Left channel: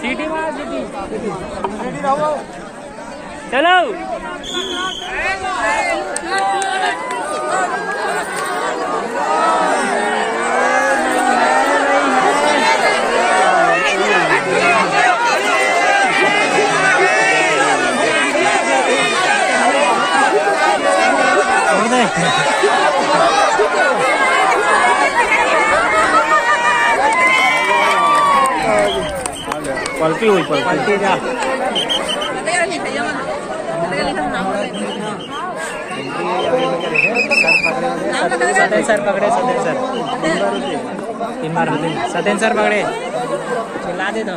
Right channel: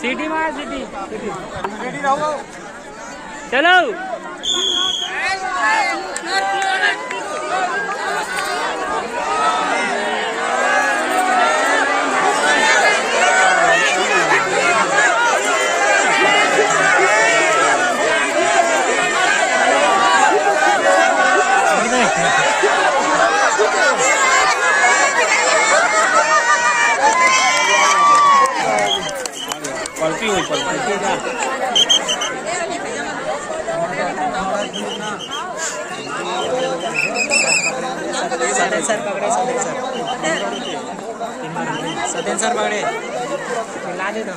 सीटी मार सीटी रेडी रहो चलो पलटी हुई पलटी का सतेन सर पकड़े सतेन सर 3 बार सतेन सर पकड़े ला दे दो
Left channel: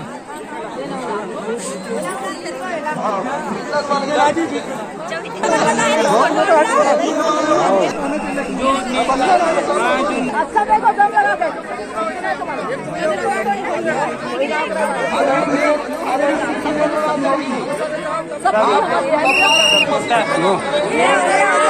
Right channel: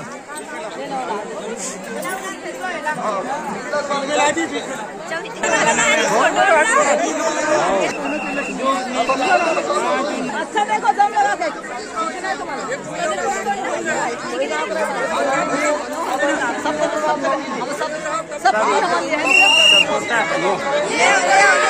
सब